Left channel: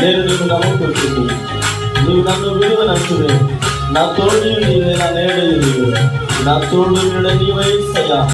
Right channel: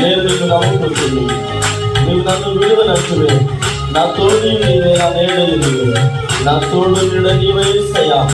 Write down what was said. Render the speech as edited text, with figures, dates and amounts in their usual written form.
నేను మీకు నమ్ముకుంటుంది, మీరు నన్ను విడుదలచ్చును. నా తోడు నీవే, నా నేడ నా తోడు నీడ నీవే.